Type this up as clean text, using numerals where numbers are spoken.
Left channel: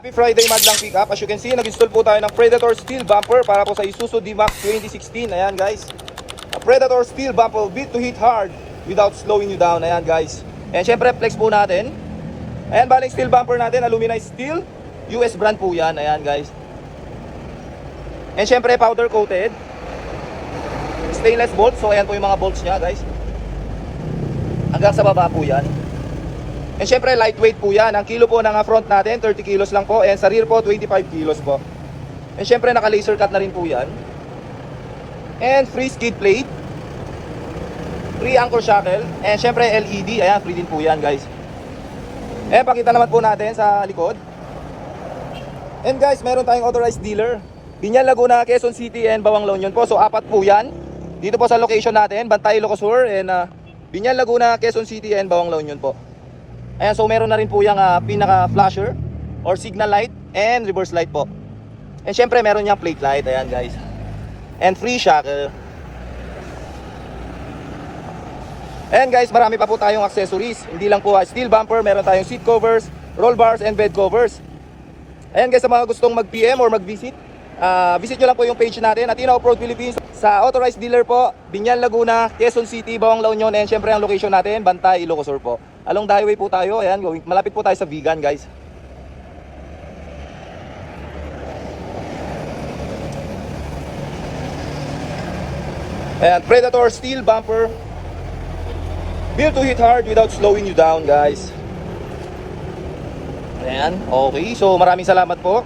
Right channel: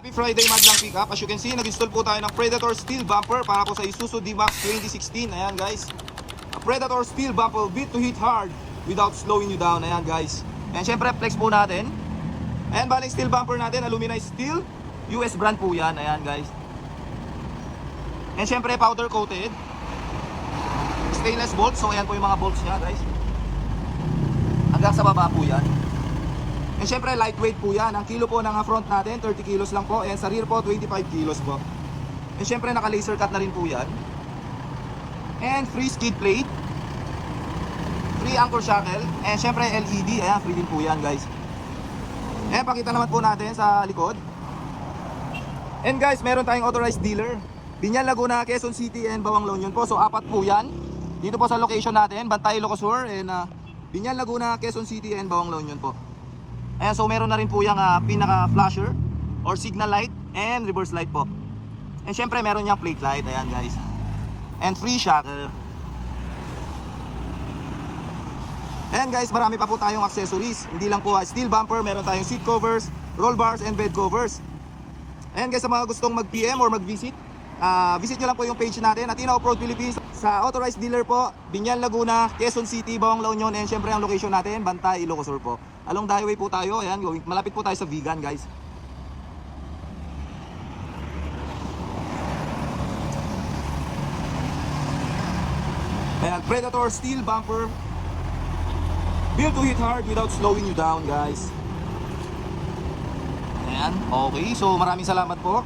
Happy Friday Madlang Pickup. As you can see, nag-install po tayo ng Predator Steel Bumper para po sa Isuzu D-Max 2016. Ayan guys. A Predator Steel Bumper built to hit hard without slowing you down. Ayan guys. And syempre flex po natin. Ayan, baling steel bumper natin, aluminized steel. US brand po yan. Ayan guys. And syempre powder coated. Stainless bolts. So ayan po yung mga bolts nya guys. Hanggang sa baba po yan. And syempre lightweight po yan. Ang kilo po ng front natin 30 kilos lang po. And sa rear po 25 kilos po. And syempre naka laser cut na rin po yan. And free skid plate, free anchor shackle. And syempre LED. Ayan, free din po yan guys. And pakita naman po natin sa likod. And guys, meron tayong authorized dealer, Binyan, Laguna, Quezon City and Bawang La Union po. So apat po yan. Dito po sa location natin, Bantay, Ilocos Sur. And Binyan, Laguna, Quezon City and Bawang La Union po. Ayan, so meron na rin po yung pinaka flasher or signal light and reverse light po. And syempre meron yung plate light. Ayan guys. And free shackle. And guys, marami pa po tayong accessories. Hindi lang po steel bumper, meron tayong seat covers, roll bars and bed covers. Ayan guys, sa mga gustong mag-PM or mag-visit, visit nyo lang po yung page natin, Athena Off-Road Philippines. Sa authorized dealer po, Binyan, Laguna, Quezon City, Bawang La Union. And syempre ang location natin, Bantay, Ilocos Sur po. Along the highway po tayo. Ayan, malapit po tayo sa Vegan guys. Ayan, Predator steel bumper, built to hit hard without slowing you down guys. Ayan, okay. So maraming salamat po.